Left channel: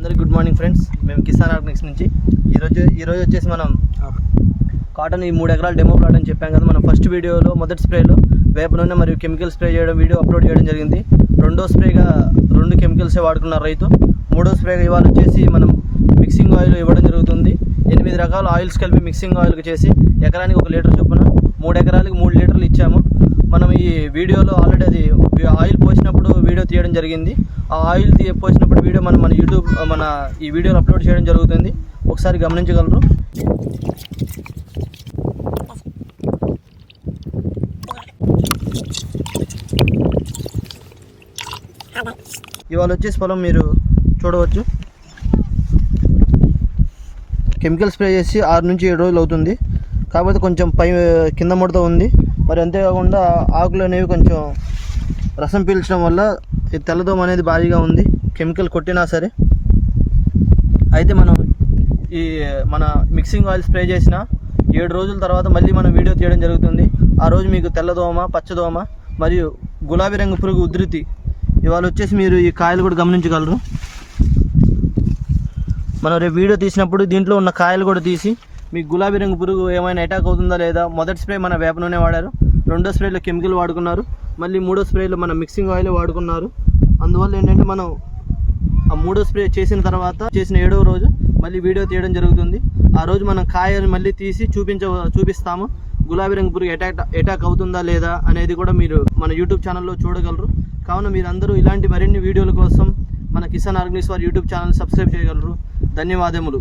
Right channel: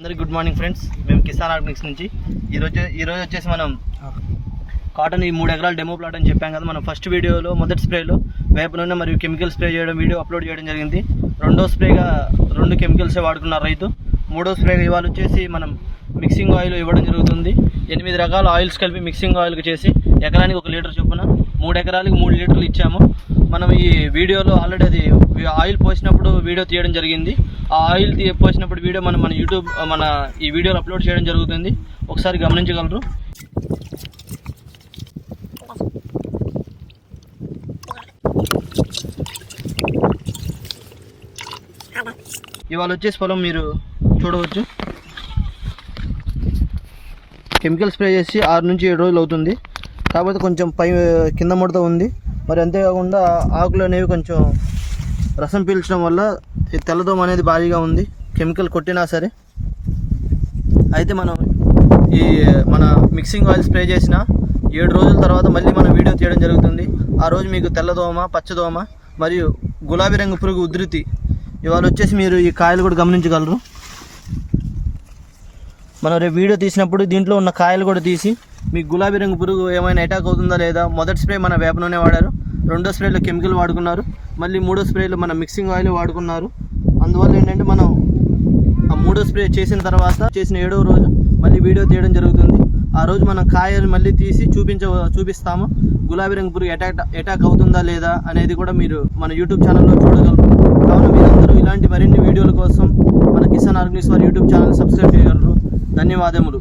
అందరికీ good morning friends. మేము Kisan Organics నుంచి ఈరోజు వచ్చేసి మనం కాటన్ ఈ 3 ఎకరాల డెమో ప్లాట్ అని చెప్పాం కదా. మనం ఫస్ట్ వీడియోలో మొదటి స్ప్రేలో వేప నూనె మరియు కెమికల్ స్ప్రే చేయడం వీడియో అప్లోడ్ చేయడం జరిగింది. రెండో స్ప్రేగా 2 కెమికల్సే వాడుకున్నారు రైతు. మూడో స్ప్రేగా ఇవాళ వచ్చేసి మనం మిక్సింగ్ ఆయిల్ ఇవ్వడం జరుగుతుంది. 8 రకాల ఆయిల్స్ కలిపి మిక్సింగ్ ఆయిల్కి చేసి ఎకరానికి 1 లీటర్ చొప్పున 3 ఎకరాలకి 3 లీటర్లు ఇచ్చాము. మనం ఈ వీడియోలో ఆల్రెడీ అది ఆయిల్ పోసినప్పుడు వీడియో తీయడం జరిగింది. ఆ ఆయిల్ పోసినప్పుడు వీడియో మన యూట్యూబ్ ఈ వీడియోలో అప్లోడ్ చేయడం జరుగుతుంది. ఒకసారి గమనించగలరు. ఇవాళ వచ్చేసి పొలం మీరు చూడవచ్చు. కెమికల్ స్ప్రే చేసి 6 నుంచి 7 రోజులు అవుతుంది. కాకపోతే కొంచెం కింద ముడత ఉంది. మరి అంతేకాకుండా ఆకులు అనేవి కొంచెం రసం పీల్చడం వల్ల తెల్లదోమ అనేది భారీగా ఉంది, కెమికల్ కొట్టినా సరే. అయితే మనం మన మిక్సింగ్ ఆయిల్ స్ప్రే చేసిన 7 రోజుల తర్వాత మళ్ళీ మనం వీడియో తీయడం జరుగుతుంది. ఆ రోజు మీకు తెల్లదోమ, పచ్చదోమ మరియు గులాబీ రంగు పురుగు ఉధృతి ఇవాళ వచ్చేసి మీరు ఈ కాయలు కూడా గమనించగలరు. మనం రేపు వీడియో తీసినప్పుడు దీంట్లో ఉన్న కాయలు కూడా తీసి మీకు గులాబీ రంగు పురుగు ఏమైనా అటాక్ అవుతుందా లేదా. మొదటి స్ప్రే మన వేప నూనె వాడారు, రెండో స్ప్రేలో కెమికల్ వాడుకున్నారు, మళ్ళీ మూడో స్ప్రేలో మన మిక్సింగ్ ఆయిల్ వాడుకున్నారు. అందువల్ల ఏంటంటే మనం ఆ మూడో స్ప్రే చేసిన తర్వాత చేసిన 7వ రోజు మళ్ళీ వీడియో తీయడం జరుగుతుంది. ఆ రోజు మనం కాయలు మళ్ళీ తీసి చూపిస్తాము. గులాబీ రంగు పురుగు అటాక్ అవుతుందా లేదా అనేది కూడా మీరు మన యూట్యూబ్ ఛానల్లో చూడగలరు. కావున మీరందరూ ఇలాంటి మరిన్ని వీడియోల కోసం మన కిసాన్ ఆర్గానిక్స్ వారి యూట్యూబ్ ఛానల్ సబ్స్క్రైబ్ చేయగలరు. ధన్యవాదములు.